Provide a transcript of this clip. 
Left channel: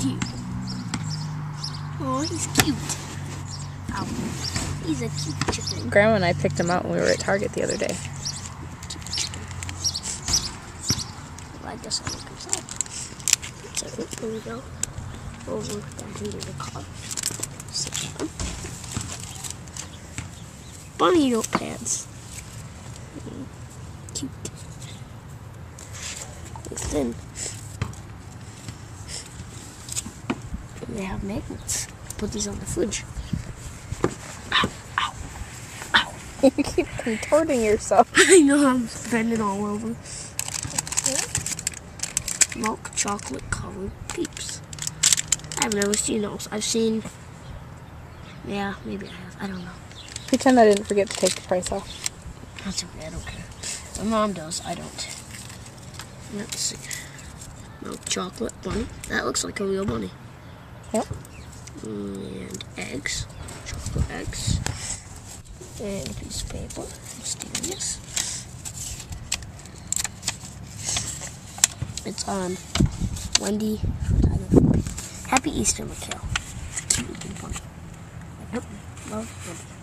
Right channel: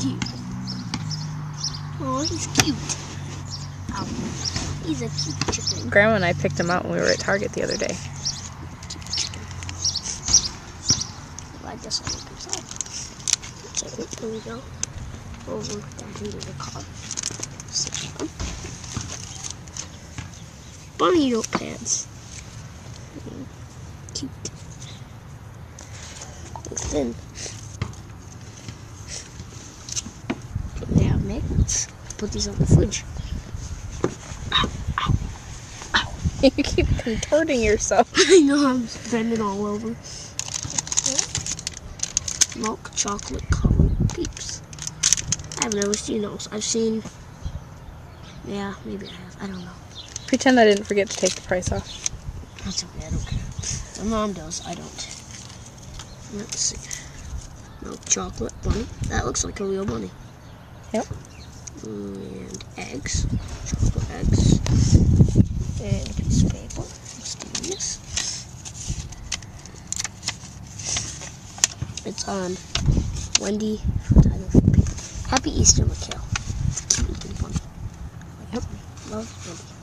dude. Oh, he's cute. Ow. He's a cute chicken. Grandma and I picked him out when we were at Target the other day. Cute chicken. Well, I guess I'll look inside. Second, there we go. Over down into the car. Sit down. Bunny notepads. Cute. They're thin. They have magnets. Put these on the fridge. Ow, ow, ow. You keep contorting yourself. I know, I'm bending all over. Milk chocolate covered peeps. I've never seen those. I've seen, yeah, maybe I have. I don't know. Pretend I didn't forget to take the price off. That's okay, I don't care. My mom does, I don't. Let's see. Milk chocolate bunny. That looks like a real bunny. Yep. And eggs. Chocolate eggs. And a piece of paper. Mysterious. It's on Wendy. Happy Easter, Mikale. It's a cute looking bunny. Yep. Love bunny.